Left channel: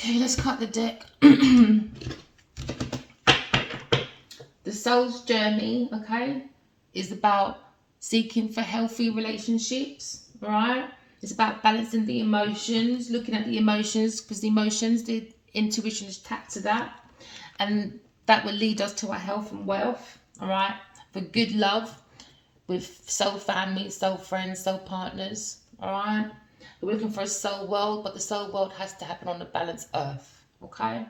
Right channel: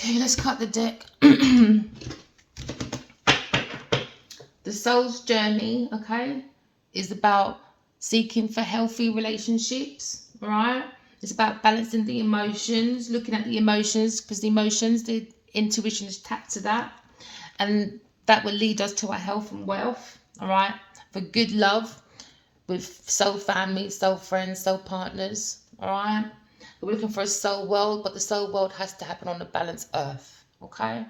Okay, let's cut the deck. The soul's journey, okay, is about seeking for healthy relationships, right? It's about balancing the emotions, looking at the emotions, because the emotions, the intuition is tapped to that. And that will lead us to our health and wealth, all right? For good love with soul family, soul friends, soul partners, all right? We're looking for a soul world, but the soul world has to happen on a balanced earth, okay?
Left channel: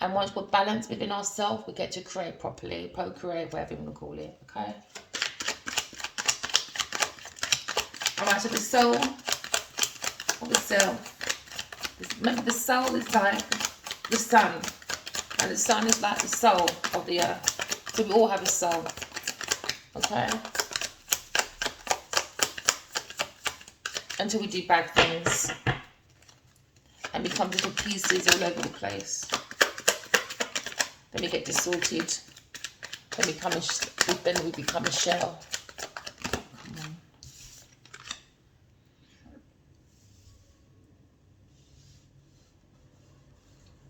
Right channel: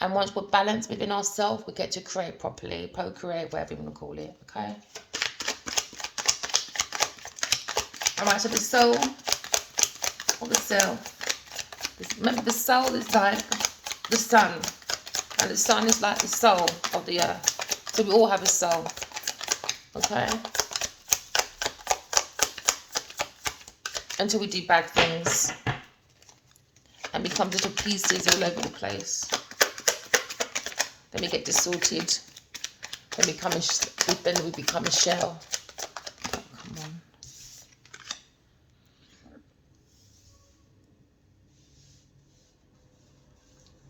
And once we're balanced within ourselves, we get to create properly, procreate, whatever you want to call it, okay? All right, so the soul, or the self. Remember, the soul is like the sun, and the sun is like the soul of the earth. So we all have a soul, okay? Until we do bad things and become little pieces all over the place. Then we get distorted. Then we become a shell. Come on.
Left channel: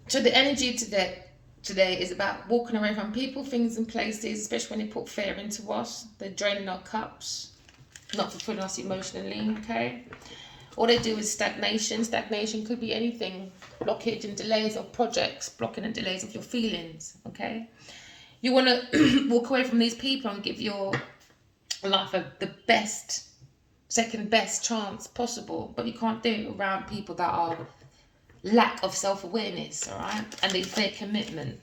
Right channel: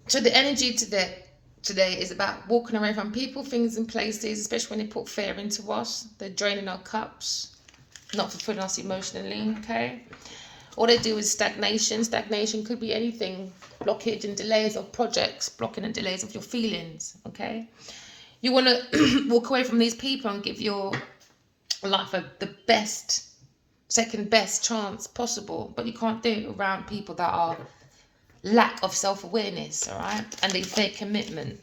So the energy today is about walking away from people, things, and places, especially when they put fear into us. They're draining our cups, not fulfilling us emotionally, okay? All they do is stagnation. Stagnation could be anything. Blockage and delays of projects, blocking and delays of your feelings, okay? You want to walk away from these people and give your life the best, second best chance possible. But you can't do it around people that are lack of self-awareness, all right? And they fake commitment.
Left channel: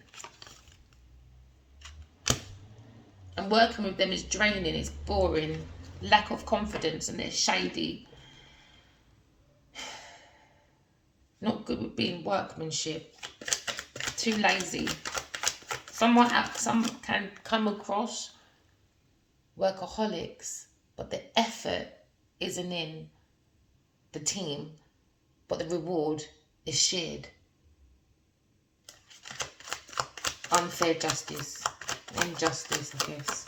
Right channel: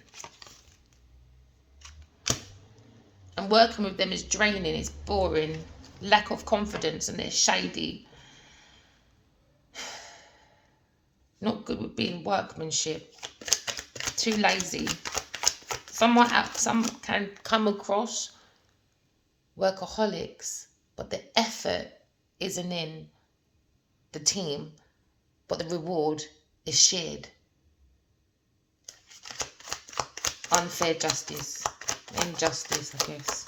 And working with them is draining, it's boring, lack of confidence, and they're shady. Not good with being workmanship. Too lazy. Some can come across workaholics, but the effort isn't in the team, but the reward is shared. Unfair justice. Injustice, I guess.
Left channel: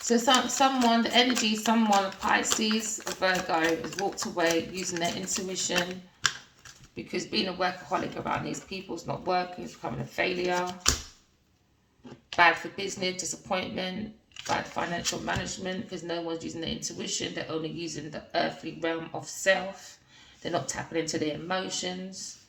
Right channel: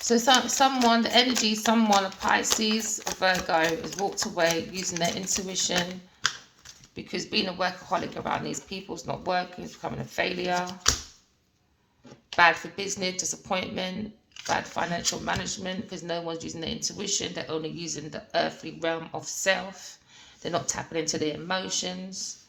So someone, the energy, someone, a Pisces, a Virgo, has walked away using their intuition, because being a workaholic around these people is not working, it's becoming a failure. Bad for business, disappointment, bad financial management, because no one's using their intuition, they're only using the earthly realm of self. They're not tapping into their emotions,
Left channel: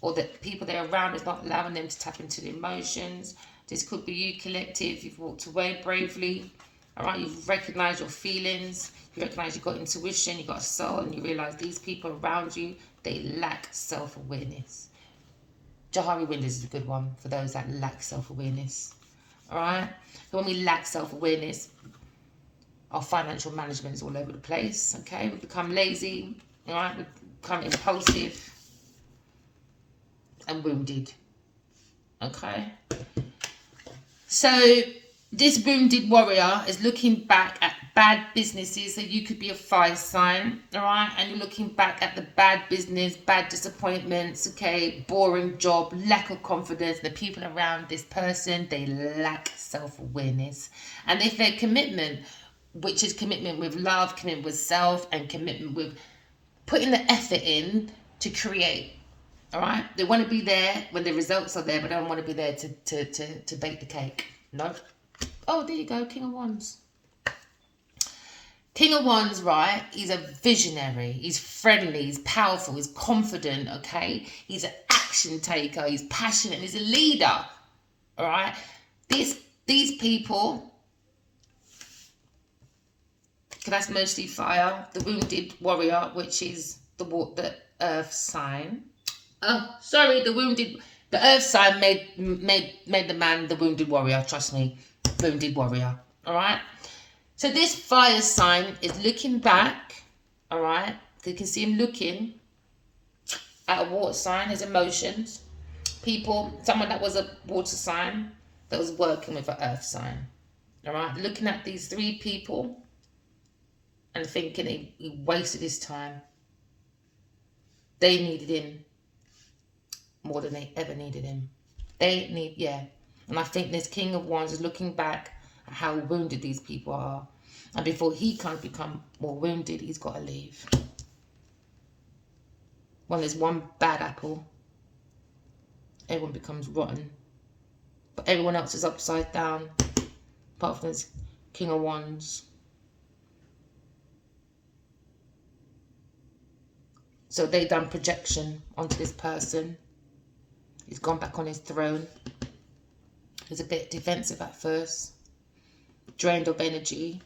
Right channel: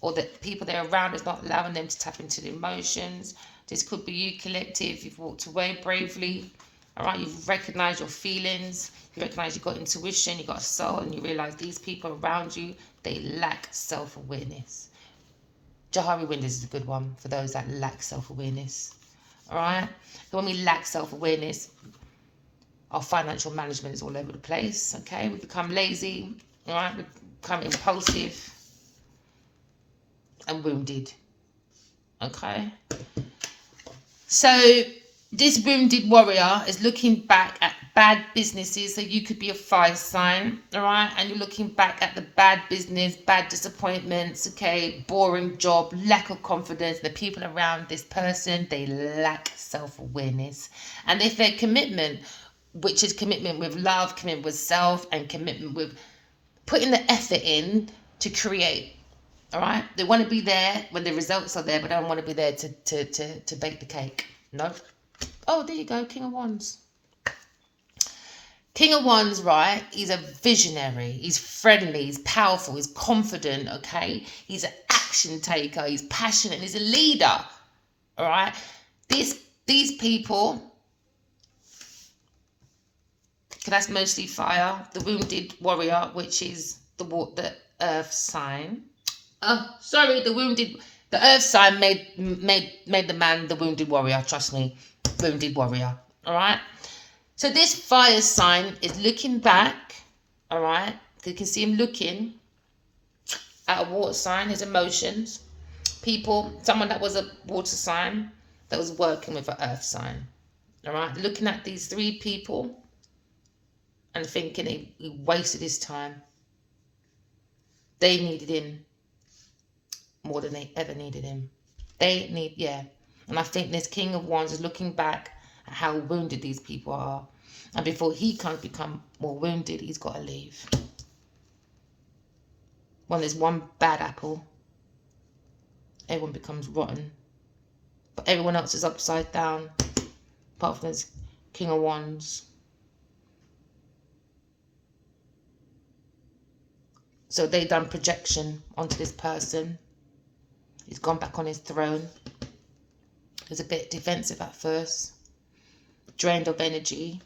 or the people they're around is not allowing them to tap into the emotions. This could be you, collective. You've walked away bravely. All right, you've recognized your feelings, you recognize you've got intuition, you've got a soul, and you realize these people around you, they lack self-awareness. Jahari Windows is a good one for those that lack self-awareness. All right, so when we lack self-awareness, our financial management is all over the place, okay? We become lazy, all right? We become impulsive and wounded, okay? So this wounded warrior is looking back at bad businesses. So you could be a fire sign, all right? And you're looking back at the bad business, bad disappointments, okay? Boring job, lack of confidence. The people around this person, they lack self-awareness. And if their commitment, which is commitment with love, commitment with self, and commitment with putting the effort in to create, all right? They want to be there when the results are there, but they don't want to be there to bake the cake. No. Oh, there you go, King of Wands. King of Wands, right? He's a visionary. He's friendly. He's powerful. He's confident, okay? He's an action taker. He's passionate. He's a leader, all right? These people, that's mostly fire. The wounded warrior, which is the earth sign. Oh, sorry, the earth sign made the man the wounded warrior. Trust me, wounded warrior. All right. So this fire sign is looking back. All right. You can see him looking at a water sign, his emotions, people, someone that was a water sign that was working with an earth sign. All right. Looking at these three people and thinking he wasted his time. They needed him more than they ever needed him. And I think this King of Wands is looking back at how wounded these people are, and before he can't become more wounded, he's got to leave. When there's one bad apple, everyone becomes rotten. But everyone else is upside down, apart from this King of Wands. So they done projection onto this person. He's gone back on his throne. He's a bit defensive at first. Drained of energy.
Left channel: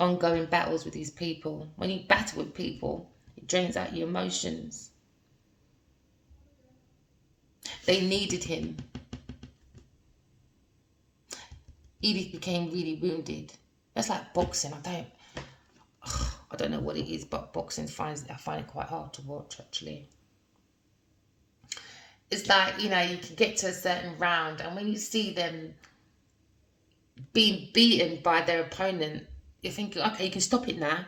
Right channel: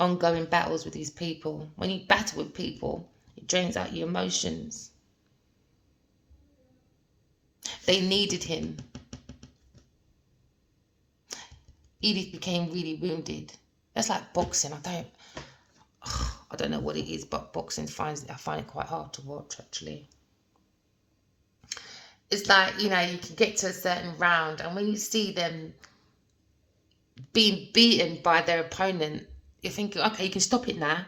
Ongoing battles with these people. When you battle with people, it drains out your emotions. They needed him. Edith became really wounded. That's like boxing. I don't know what it is, but boxing I find it quite hard to watch, actually. It's like, you know, you can get to a certain round, and when you see them being beaten by their opponent, you're thinking, okay, you can stop it now.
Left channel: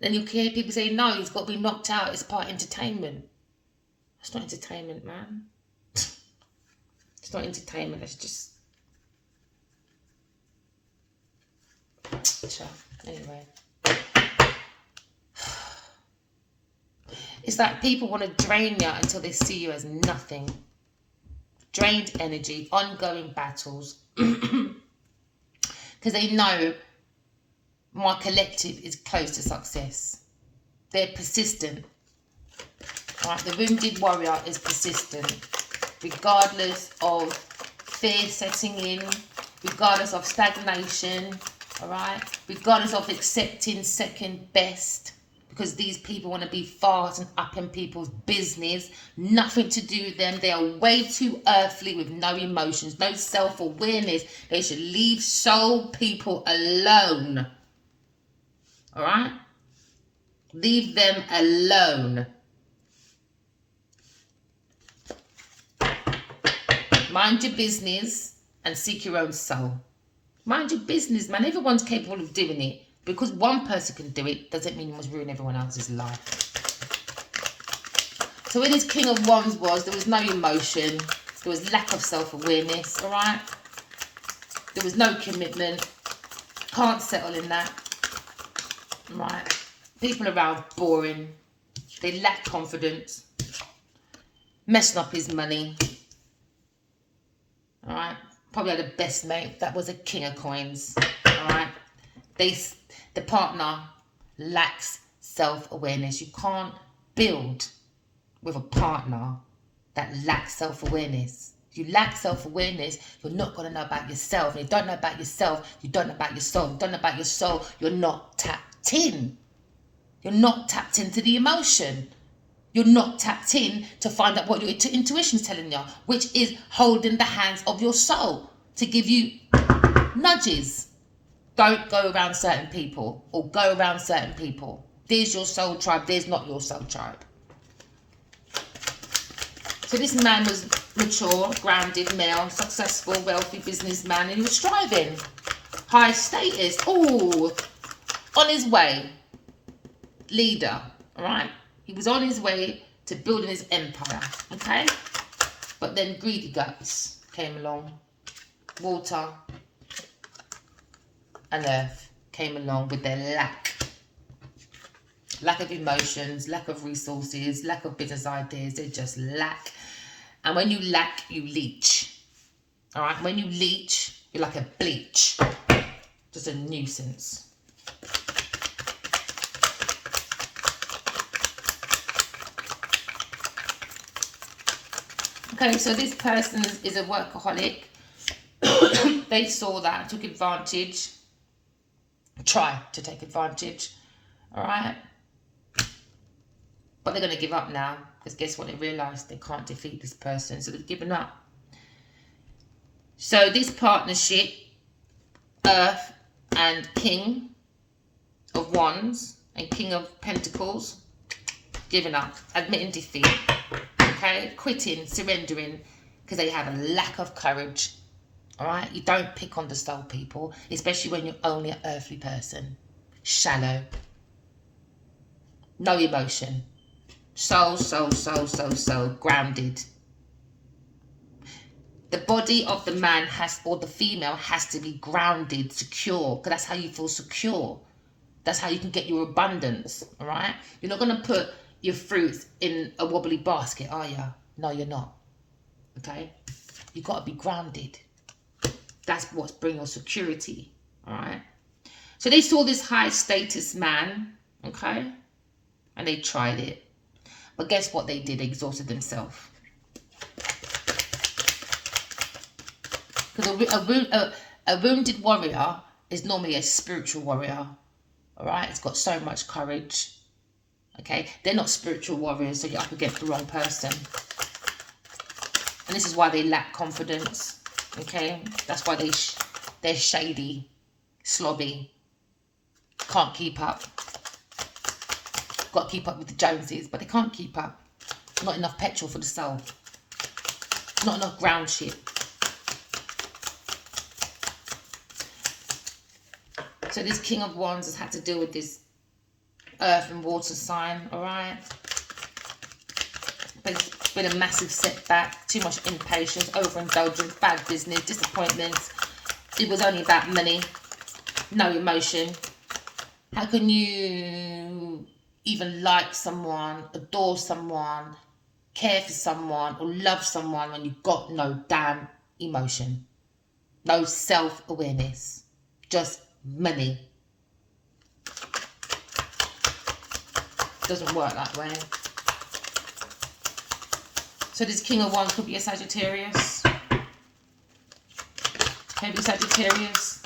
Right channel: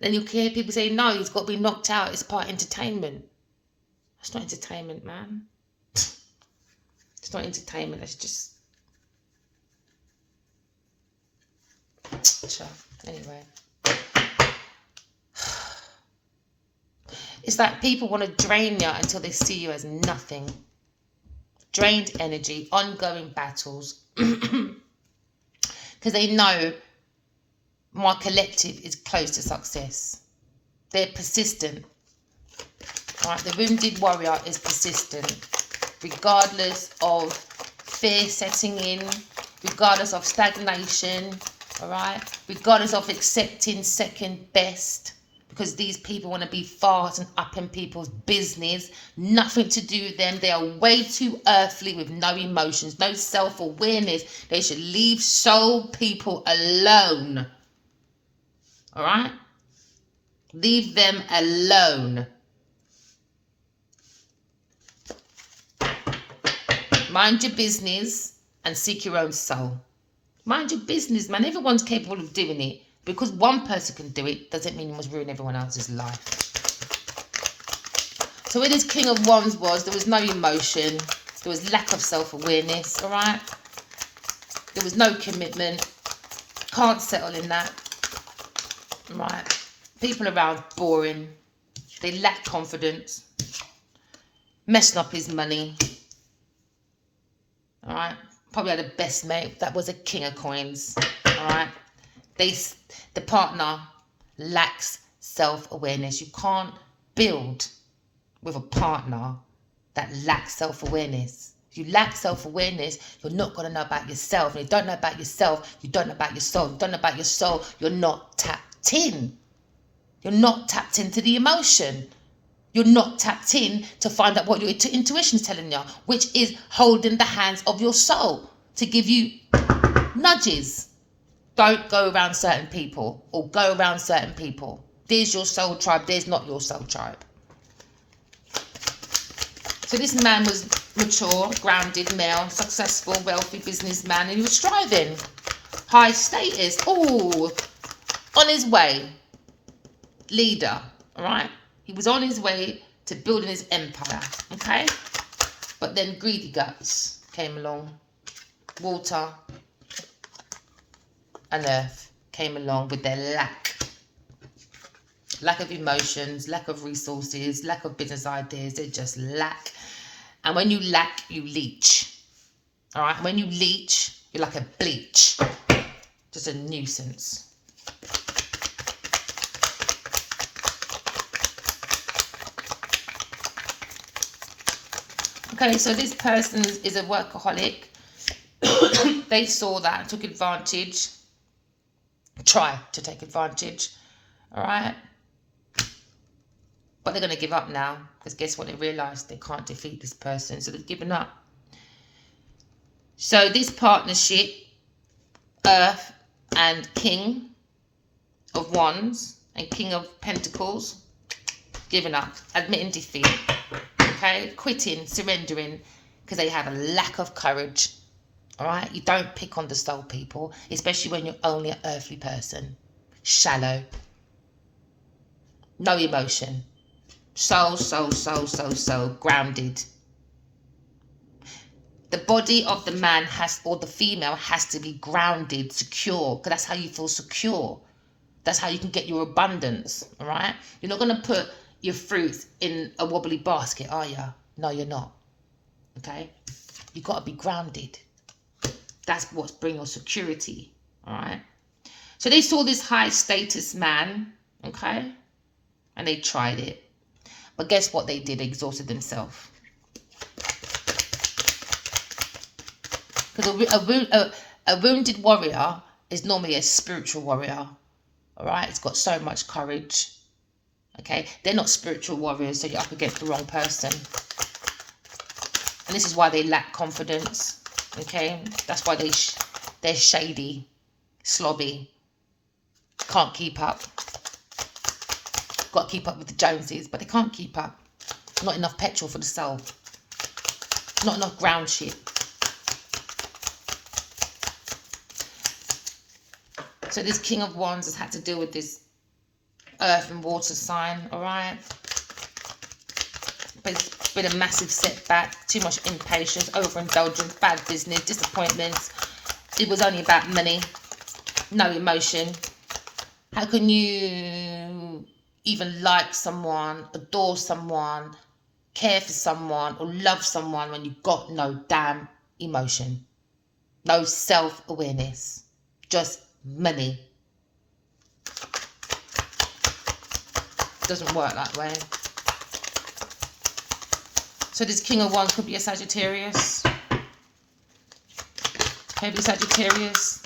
Then you hear people say, no, he's got to be knocked out. It's part of entertainment. It's not entertainment, man. It's not entertainment. It's just... Anyway. It's like people want to drain you until they see you as nothing. Drained energy, ongoing battles. Because they know my collective is close to success. They're persistent. Right? The wounded warrior is persistent. Regardless of fear setting in. Regardless of stagnation. Alright? Regardless of accepting second best. Because these people want to be fast and up in people's business. Nothing to do with them. They are way too earthly with no emotions, no self-awareness. They should leave soul people alone. Alright? Leave them alone. Mind your business and seek your own soul. Mind your business, man. Everyone's capable of doing it. Because one person can do it, doesn't mean you must ruin everyone else's life. So where this King of Wands was, there was no emotion. There was lack of self-awareness, all right? There was no commitment. Can't settle in that. Right? People around, boring. They lack confidence. Messing up his money. All right? Probably had a best mate. That was a King of Coins. All right? The partner lacks self-awareness. You can't build with a partner that lacks self-awareness. If you lack self-awareness, you're not going to know about yourself. And you don't know about yourself, you don't know about your soul. You don't know about your soul, you're not tapped in. You're not tapped into the emotion. You're not tapped in to find out what your intuition is telling you, which is holding the hands of your soul to give you nudges. Don't go around certain people or go around certain people. There's your soul tribe. There's not your soul tribe. So this man was mature, grounded, male, successful, wealthy businessman, and he was striving. High status. Oh, on his way. Leader. All right. He was on his way to building his empire. Okay. But then greedy guts came along. Water and earth came along with their lack of emotions, lack of resources, lack of business ideas. They just lack. And when you lack, you leech. All right. When you leech, you're like a bleach. Just a nuisance. Okay, so this person is a workaholic. They saw that and took advantage. Try to take advantage. All right. But they're going to give up now. Because guess what? They realised they can't defeat this person. So they've given up. So this partnership, Earth and King of Wands and King of Pentacles, giving up, admitting defeat. Okay, quitting, surrendering, because they have a lack of courage. All right, you don't pick on the soul people, especially when you're only an earthly person. Shallow, no emotion, soul, grounded. The body of the man has, or the female has to be grounded, secure, because that's how you feel secure. That's how you can get your abundance. All right, you're not going to put your fruits in a wobbly basket, are you? No, you're not. Okay? You've got to be grounded. That's what's bringing us security. All right? So they saw this high status man, okay? And they tried it. But guess what they did? They exhausted themselves. Because a wounded warrior is normally a spiritual warrior. All right? It's got so much courage. Okay? They're not spiritual warriors, so you're up against the wrong person. And this is why they lack confidence. Okay? That's why they're shady, slobby. Can't keep up. Got to keep up with the Joneses, but they can't keep up. Not enough petrol for the soul. Not enough ground shit. So this King of Wands has had to deal with this earth and water sign, alright? But it's been a massive setback. Too much impatience, overindulgence, bad business, disappointments. It was only about money. No emotion. How can you even like someone, adore someone, care for someone, or love someone when you've got no damn emotion? No self-awareness. Just money. Doesn't work that way. So this King of Wands could be a Sagittarius. Heavy Sagittarius.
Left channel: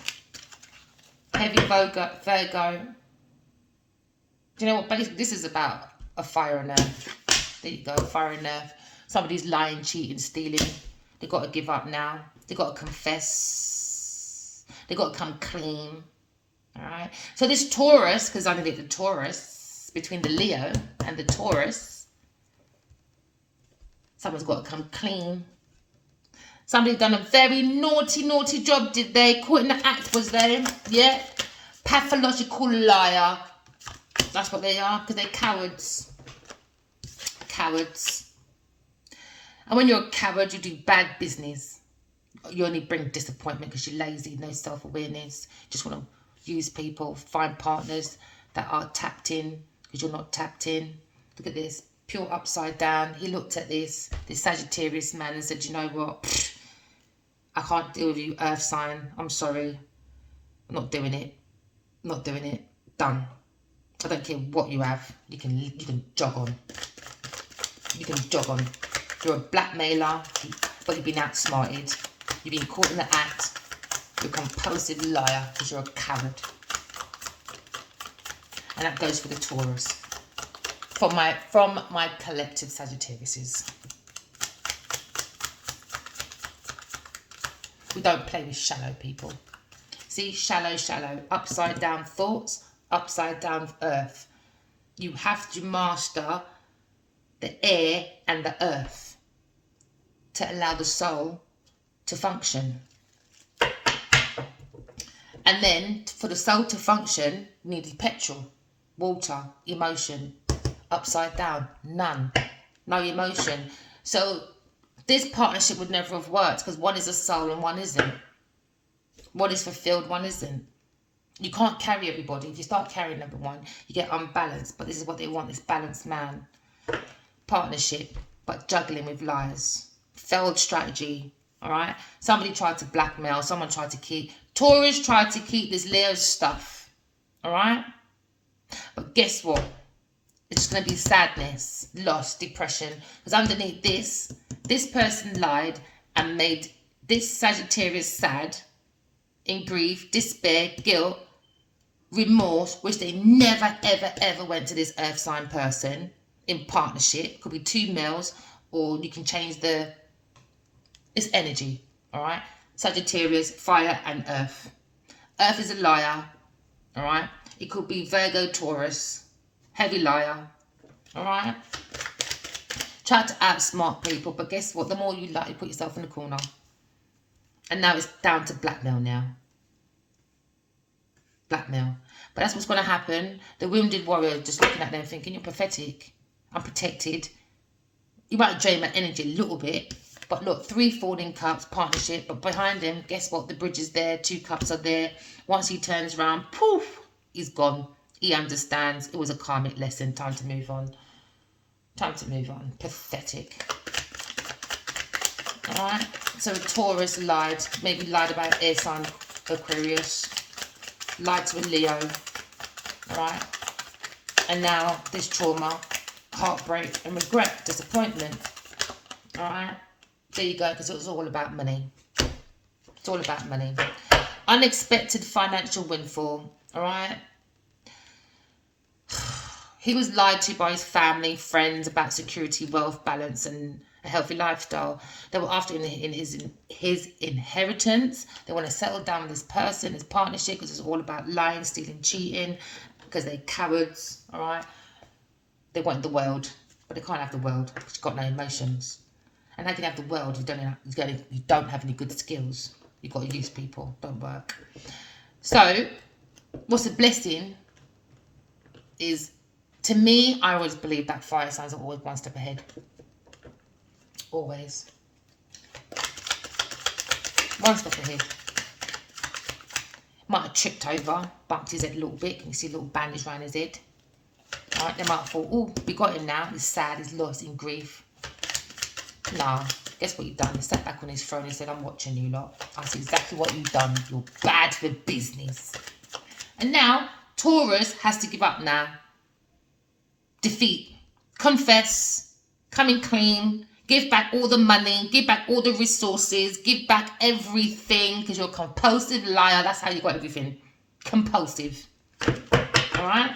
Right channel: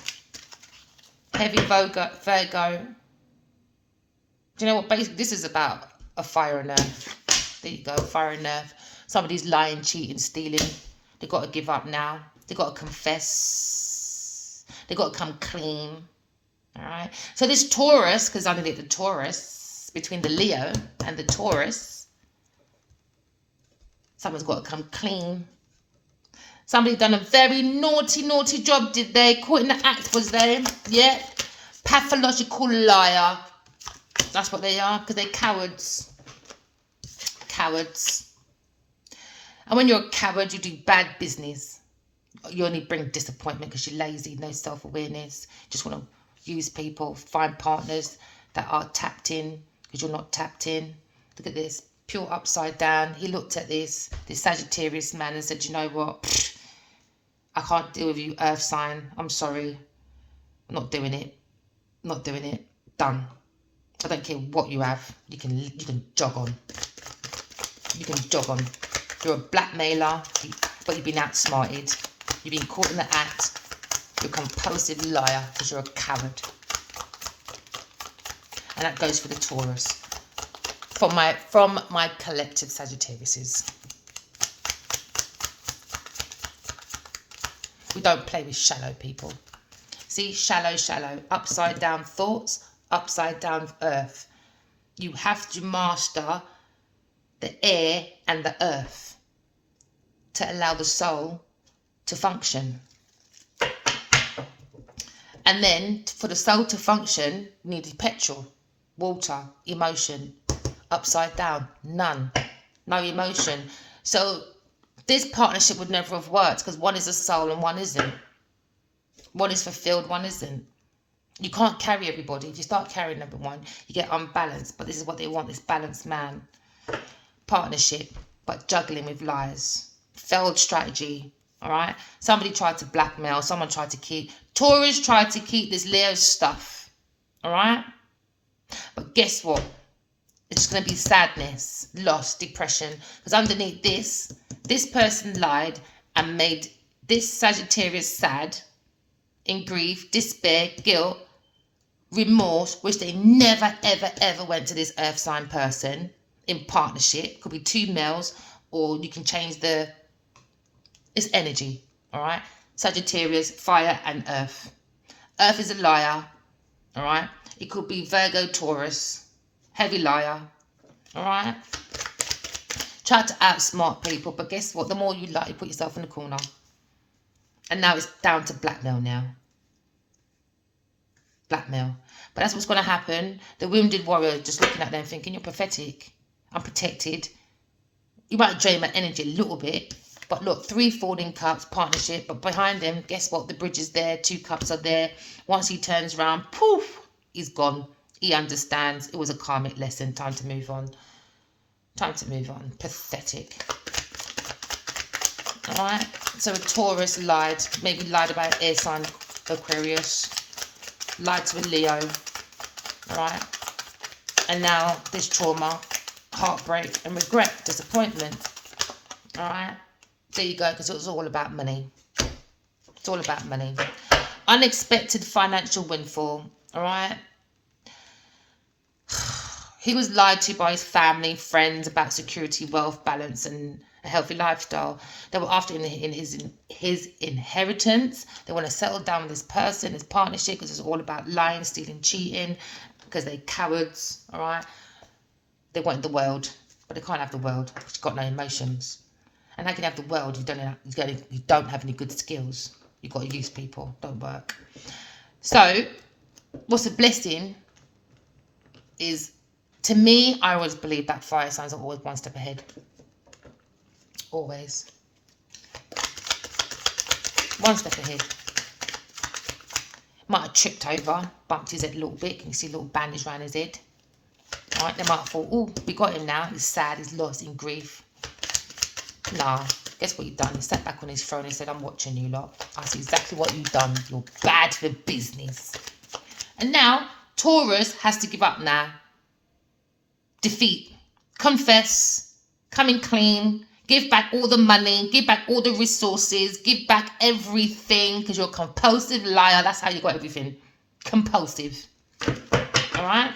Heavy Virgo. Do you know what? Basically, this is about a fire and earth. There you go, fire and earth. Somebody's lying, cheating, stealing. They've got to give up now. They've got to confess. They've got to come clean. All right. So this Taurus, because I did the Taurus, between the Leo and the Taurus, someone's got to come clean. Somebody done a very naughty job, did they? Caught in the act, was they? Yeah. Pathological liar. That's what they are, because they're cowards. Cowards. And when you're a coward, you do bad business. You only bring disappointment because you're lazy, no self-awareness. Just want to use people, find partners that are tapped in because you're not tapped in. Look at this, pure upside down. He looked at this Sagittarius man and said, you know what? I can't deal with you, earth sign. I'm sorry. I'm not doing it. Not doing it. Done. I don't care what you have. You can jog on. You can jog on. You're a blackmailer, but you've been outsmarted. You've been caught in the act. You're a compulsive liar because you're a coward. And that goes for the Taurus. From my collective Sagittariuses. We don't play with shallow people. See, shallow, upside down thoughts, upside down earth. You have to master the air and the earth to allow the soul to function. And then for the soul to function, you need petrol, water, emotion. Upside down, none. No emotion. So this partnership would never have worked because one is a soul and one isn't. One is fulfilled, one isn't. You can't carry everybody. If you start carrying number one, you get unbalanced. But this is what they want, this balanced man. Partnership, but juggling with lies. Failed strategy, all right? Somebody tried to blackmail. Someone tried to keep. Taurus tried to keep this Leo stuff, all right? But guess what? It's going to be sadness, loss, depression. Because underneath this person lied and made this Sagittarius sad, in grief, despair, guilt, remorse, which they never, ever, ever went to this earth sign person in partnership. Could be two males, or you can change it's energy, all right? Sagittarius, fire and earth. Earth is a liar, all right? It could be Virgo, Taurus, heavy liar, all right? Try to outsmart people, but guess what? The more you lie, you put yourself in the corner. And now it's down to blackmail now. Blackmail. But that's what's going to happen. The wounded warrior just looking at them thinking, you're pathetic. I'm protected. You might drain my energy a little bit. But look, 3 falling cups, partnership. But behind them, guess what? The bridge is there. 2 cups are there. Once he turns around, poof, he's gone. He understands. It was a karmic lesson. Time to move on. Time to move on. Pathetic. Alright? So a Taurus lied. Maybe lied about air sign Aquarius. Lied to a Leo. Alright? And now this trauma, heartbreak and regret, disappointment. Alright? There you go, because it was all about money. It's all about money. Unexpected financial windfall. Alright? He was lied to by his family, friends about security, wealth, balance and a healthy lifestyle. They were after in his inheritance. They want to settle down with this person, his partnership, because it's all about lying, stealing, cheating, because they're cowards. Alright? They want the world, but they can't have the world because you've got no emotions. And how can you have the world if you don't have any good skills? You've got to use people, don't work. So, what's a blessing is, to me, I always believe that fire signs are always one step ahead. Always. One step ahead. Might have tripped over, bumped his head a little bit. Can you see a little bandage around his head? Alright, they might have thought, oh, we got him now. He's sad, he's lost, in grief. Nah, guess what you've done? He sat back on his throne and said, I'm watching you lot. I see exactly what you've done. You're bad for business. And now, Taurus has to give up now. Defeat. Confess. Coming clean. Give back all the money. Give back all the resources. Give back everything. Because you're a compulsive liar. That's how you got everything. Compulsive. Alright?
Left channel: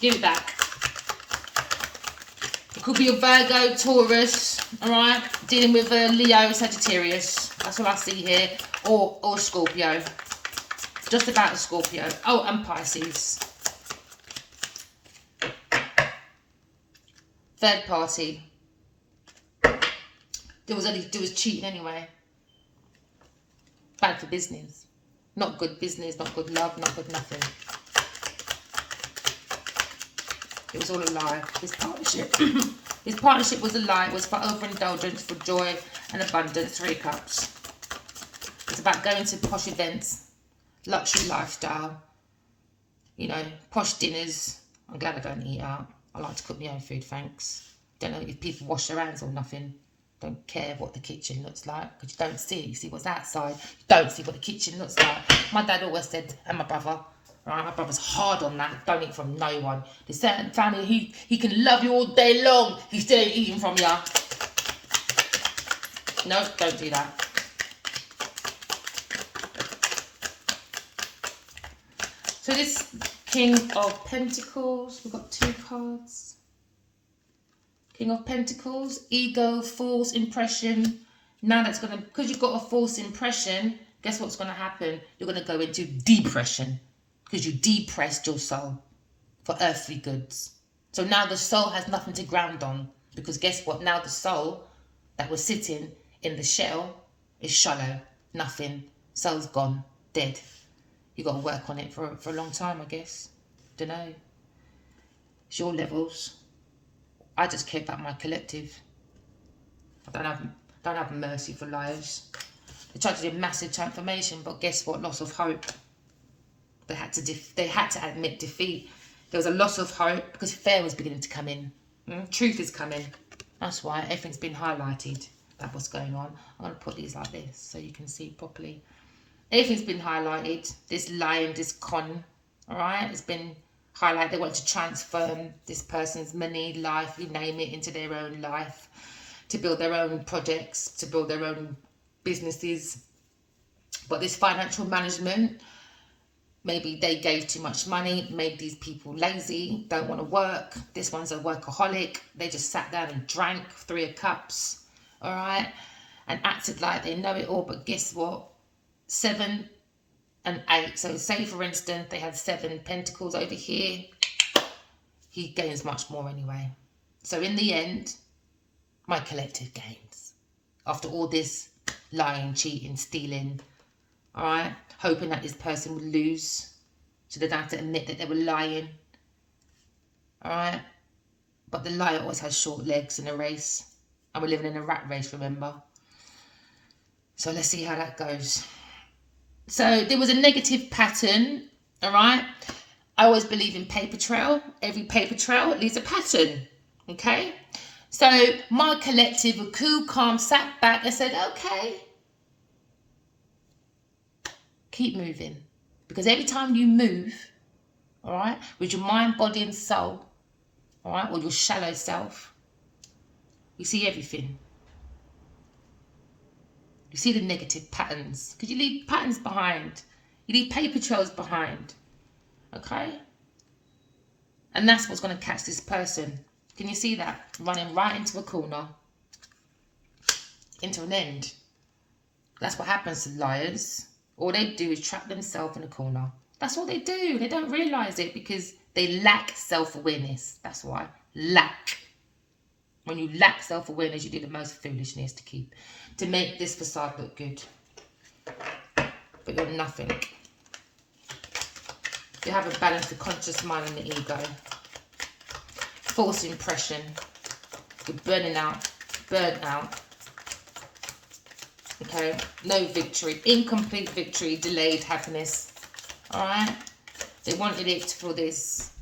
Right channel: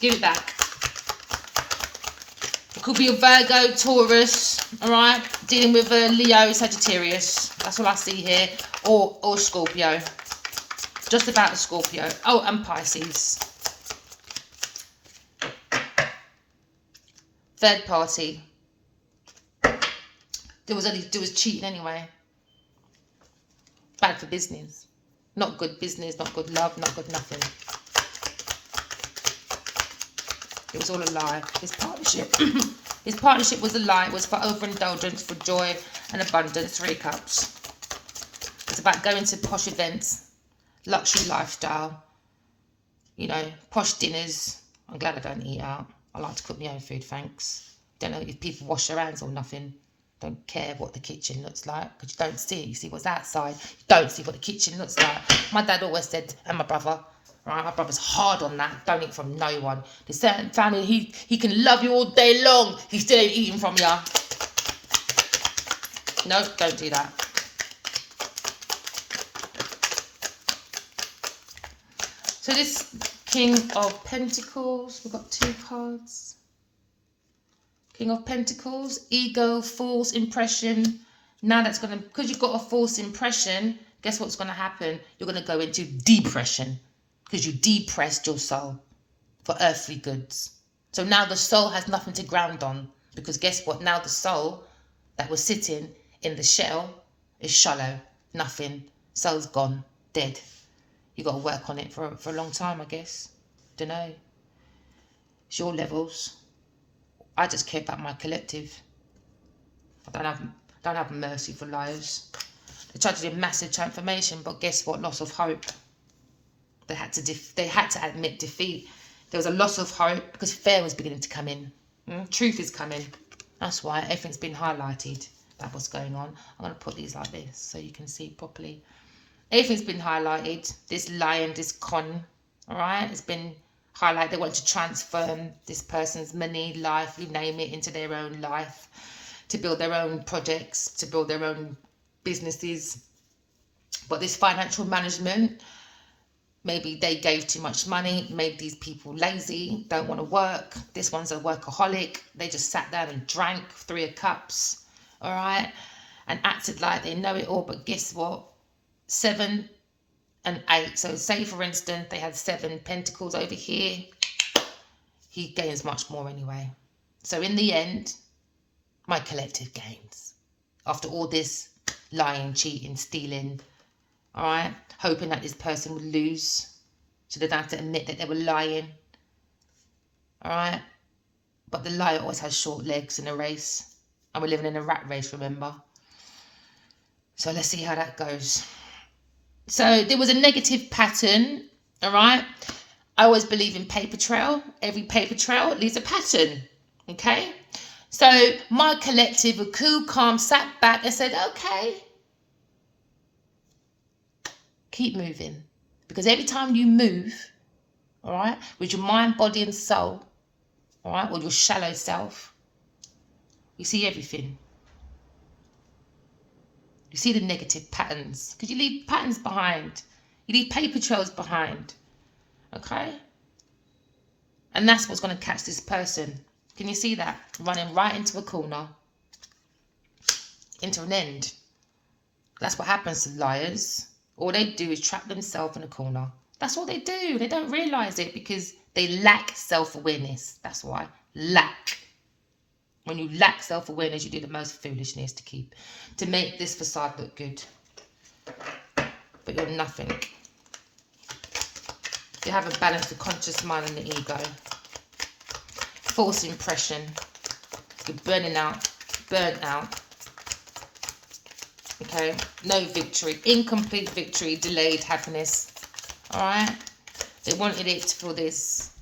Give it back. It could be a Virgo, Taurus, alright? Dealing with a Leo, Sagittarius. That's what I see here. Or Scorpio. Just about a Scorpio. Oh, and Pisces. Third party. There was cheating anyway. Bad for business. Not good business, not good love, not good nothing. It was all a lie. This partnership. This partnership was a lie. It was for overindulgence, for joy and abundance. 3 cups. It's about going to posh events, luxury lifestyle, you know, posh dinners. I'm glad I don't eat out. I like to cook my own food, thanks. Don't know if people wash their hands or nothing. Don't care what the kitchen looks like, because you don't see it. You see what's outside. You don't see what the kitchen looks like. My dad always said, and my brother, right, my brother's hard on that. Don't eat from no one. There's certain family, he can love you all day long. He still ain't eating from you. No, don't do that. So this King of Pentacles, we've got 2 cards. King of Pentacles, ego, false impression. Now that's going to, because you've got a false impression, guess what's going to happen? You're going to go into depression. Because you depressed your soul for earthly goods. So now the soul has nothing to ground on. Because guess what? Now the soul that was sitting in the shell is shallow. Nothing. Soul's gone. Dead. You got to work on it for a long time, I guess. Don't know. It's your levels. I just care about my collective. I don't have mercy for liars. They tried to do massive transformation, but guess what? Loss of hope. They had to admit defeat. There was a loss of hope because fear was beginning to come in. Truth is coming. That's why everything's been highlighted about what's going on. I'm going to put these like this so you can see properly. Everything's been highlighted. This lying, this con, all right? It's been highlighted. They want to transform this person's money, life, you name it, into their own life, to build their own projects, to build their own businesses. But this financial management, maybe they gave too much money, made these people lazy, don't want to work. This one's a workaholic. They just sat down and drank 3 cups, all right, and acted like they know it all. But guess what? 7 and 8. So say, for instance, they had 7 pentacles over here. He gains much more anyway. So in the end, my collective gains. After all this lying, cheating, stealing, all right, hoping that this person would lose, so they don't have to admit that they were lying, all right? But the liar always has short legs in a race, and we're living in a rat race, remember? So let's see how that goes. So there was a negative pattern, all right? I always believe in paper trail. Every paper trail leaves a pattern. Okay? So my collective were cool, calm, sat back and said, okay, keep moving. Because every time you move, all right, with your mind, body and soul, all right, or your shallow self, you see everything. You see the negative patterns. Because you leave patterns behind. You leave paper trails behind. Okay? And that's what's going to catch this person. Can you see that? Running right into a corner. Into an end. That's what happens to liars. All they do is trap themselves in a corner. That's what they do. They don't realise it because they lack self-awareness. That's why. Lack. When you lack self-awareness, you do the most foolishness to make this facade look good. But you're nothing. You have a balance of conscious mind and the ego. False impression. You're burning out. Burnt out. Okay? No victory. Incomplete victory. Delayed happiness. Alright? They wanted it for this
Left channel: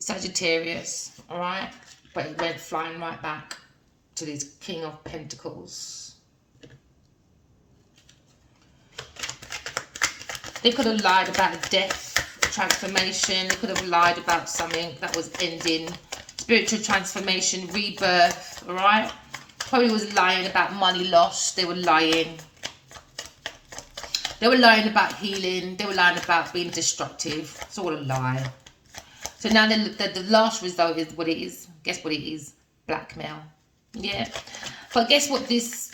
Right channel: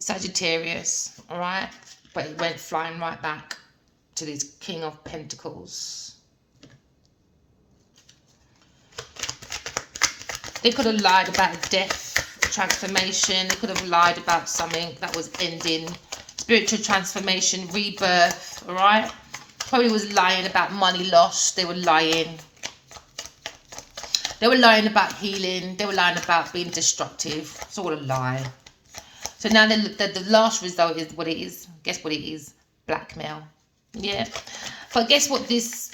Sagittarius. Alright? But it went flying right back to this King of Pentacles. They could have lied about death, transformation. They could have lied about something that was ending. Spiritual transformation, rebirth, all right? Probably was lying about money lost. They were lying. They were lying about healing. They were lying about being destructive. It's all a lie. So now the last result is what it is. Guess what it is? Blackmail. Yeah. But guess what this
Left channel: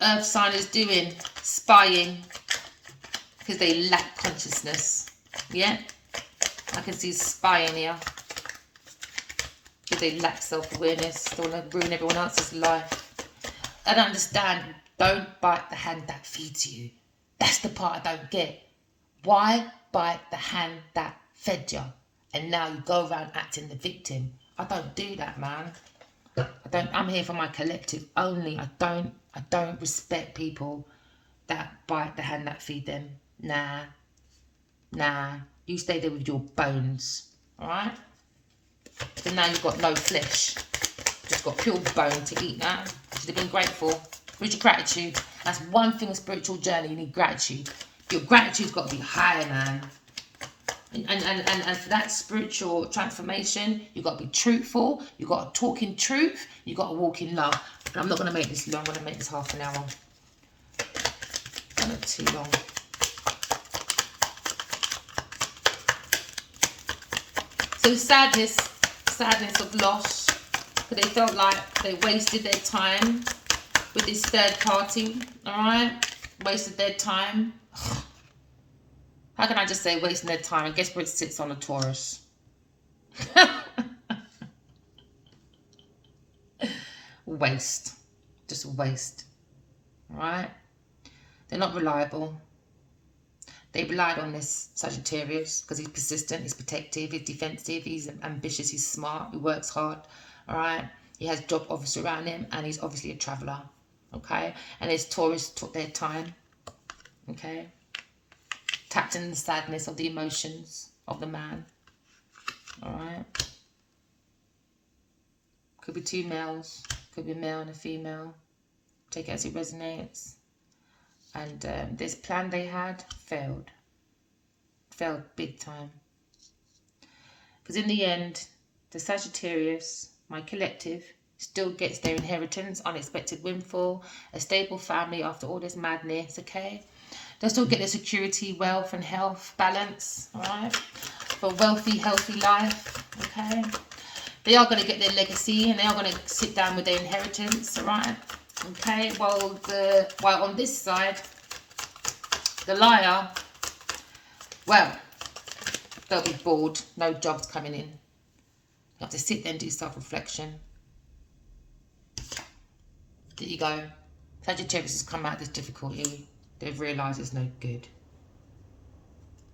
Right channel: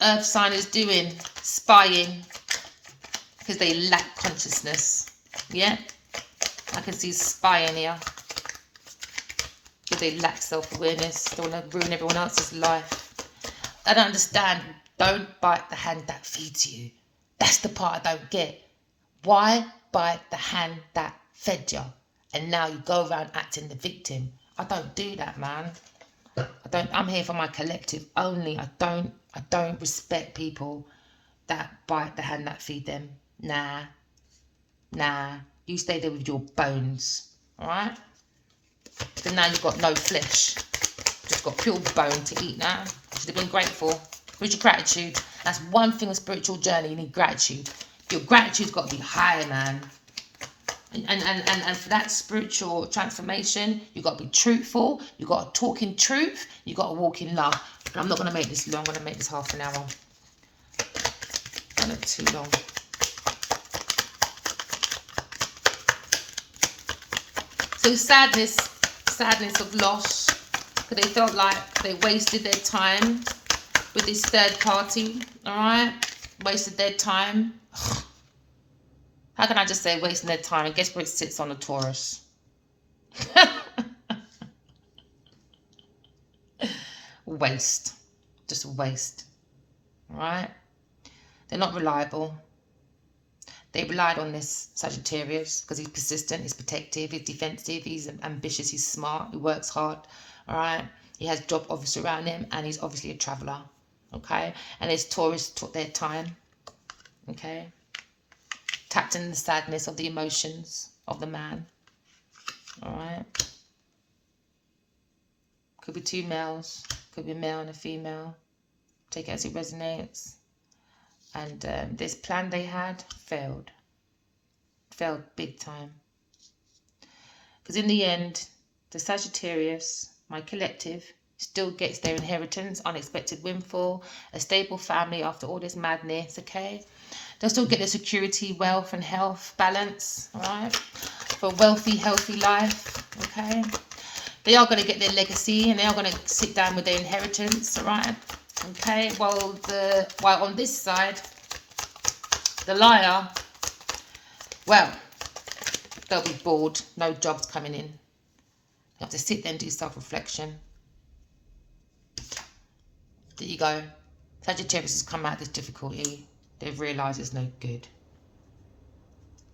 earth sign is doing? Spying. Because they lack consciousness. Yeah. I can see spying here. Because they lack self-awareness. They want to ruin everyone else's life. I don't understand. Don't bite the hand that feeds you. That's the part I don't get. Why bite the hand that fed you? And now you go around acting the victim. I don't do that, man. I'm here for my collective only. I don't respect people that bite the hand that feed them. Nah. You stay there with your bones. Alright? So now you've got no flesh. Just got pure bone to eat now. You should have been grateful. Where's your gratitude? That's one thing on spiritual journey. You need gratitude. Your gratitude's got to be higher, man. And for that spiritual transformation, you've got to be truthful. You've got to talk in truth. You've got to walk in love. I'm not going to make this long. I'm going to make this half an hour. Not too long. So sadness of loss. Because they felt like they wasted their time with this third party. Alright? Wasted their time. How can I just say wasting their time? And guess where it sits on the Taurus? Waste. Just waste. Right? They're not reliable. They relied on this Sagittarius because he's persistent, he's protective, he's defensive, he's ambitious, he's smart, he works hard. Alright? He has job offers around him and he's obviously a traveller. Okay? And his Taurus took their time. Okay? Tapped in the sadness of the emotions of the man. Alright? Could be two males. Could be a male and a female. Take it as it resonates. And this plan they had failed. Failed big time. Because in the end, the Sagittarius, my collective, still gets their inheritance, unexpected windfall, a stable family after all this madness, okay? They'll still get their security, wealth and health balance, alright? For a wealthy, healthy life, okay? They are going to get their legacy and they are going to sit down with their inheritance, alright? Okay, while on this side, the liar, well, they'll be bored, no jobs coming in. You have to sit there and do self-reflection. There you go. Sagittarius has come out of this difficulty. They've realised it's no good.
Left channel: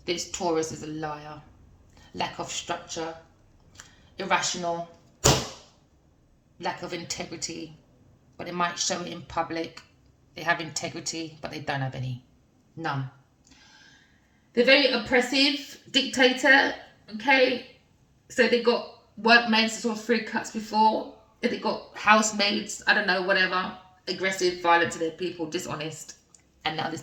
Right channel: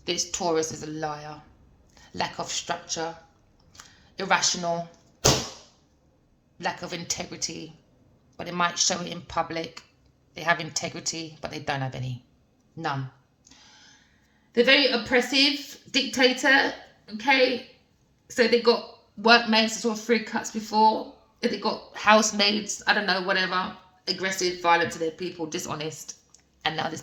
This Taurus is a liar. Lack of structure. Irrational. Lack of integrity. But they might show it in public. They have integrity, but they don't have any. None. They're very oppressive, dictator, okay? So they got workmaids that saw 3 cuts before. They got housemaids, I don't know, whatever. Aggressive, violent to their people, dishonest. And now this